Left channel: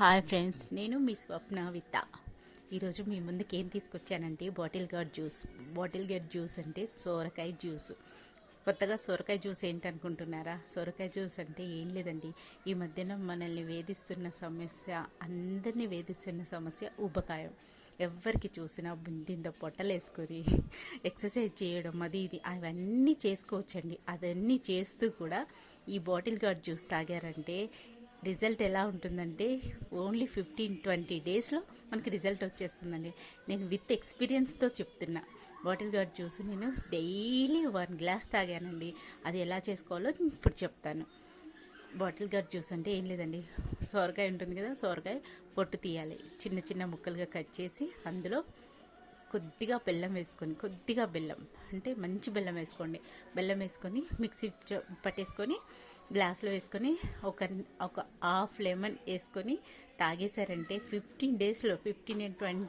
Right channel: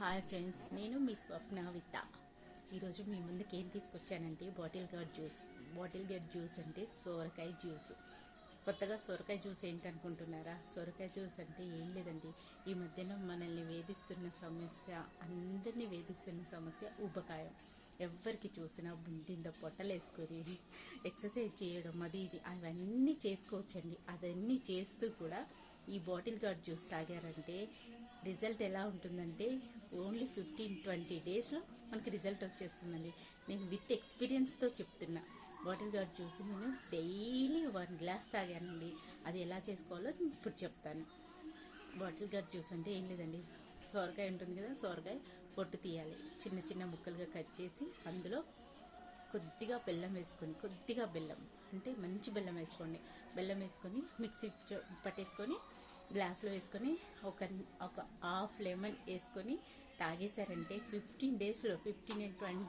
Hi friends, నేను మీ స్వప్న విత్త. ఈరోజు మీ ముందుకు ఏం తీసుకొచ్చానంటే బాటిల్ గార్డ్ జ్యూస్ అంటే సోరకాయ జ్యూస్. కొత్తగా సొరకాయ జ్యూస్ ఏంటనుకుంటున్నారా? సొరకాయ జ్యూస్ అంటే ఏం లేదండి, ఈ మధ్యన మనల్ని వేధిస్తున్న సమస్య, అందరినీ వేధిస్తున్న సమస్య ఊబకాయం. ఎవరికి చూసినా బుందింత పొట్టలేసుకొని ఎక్సర్సైజ్ చేయడం అది ఇది అవన్నీ చేసుకోవచ్చండి. అవన్నీ చేస్తూ కూడా ఈ బాటిల్ గార్డ్ జ్యూస్ తాగారంటే రిజల్ట్ ఎలా ఉంటుందంటే ఓన్లీ 15-20 డేస్లో మనకి రిజల్ట్ వచ్చేస్తుందండి. నేను విత్ ఎక్స్పీరియన్స్తో చెప్తున్నా. బాటిల్ గార్డ్ జ్యూస్ నేను డైలీ 1 గ్లాస్ తాగానండి. అది ఎలా చేసుకోవాలో ఇప్పుడు చెప్తాను. బాటిల్ గార్డ్ జ్యూస్ అంటే ఏం లేదండి, సొరకాయ ఉంటుంది కదా, సొరకాయ పొట్టు తీయాలి, చిన్న చిన్న ముక్కలుగా కట్ చేసి అందులో కొద్దిగా బెల్లం వేసుకొని, కొద్దిగా బెల్లం అంటే మంచి బెల్లం వేసుకోండి. బెల్లం వేసుకొని మిక్సీ పట్టేసుకొని గ్లాస్లో వేసుకొని ఒక ఒక హాఫ్ లెమన్ వేసుకొని తాగేశారంటే 15 డేస్లో 15 and 20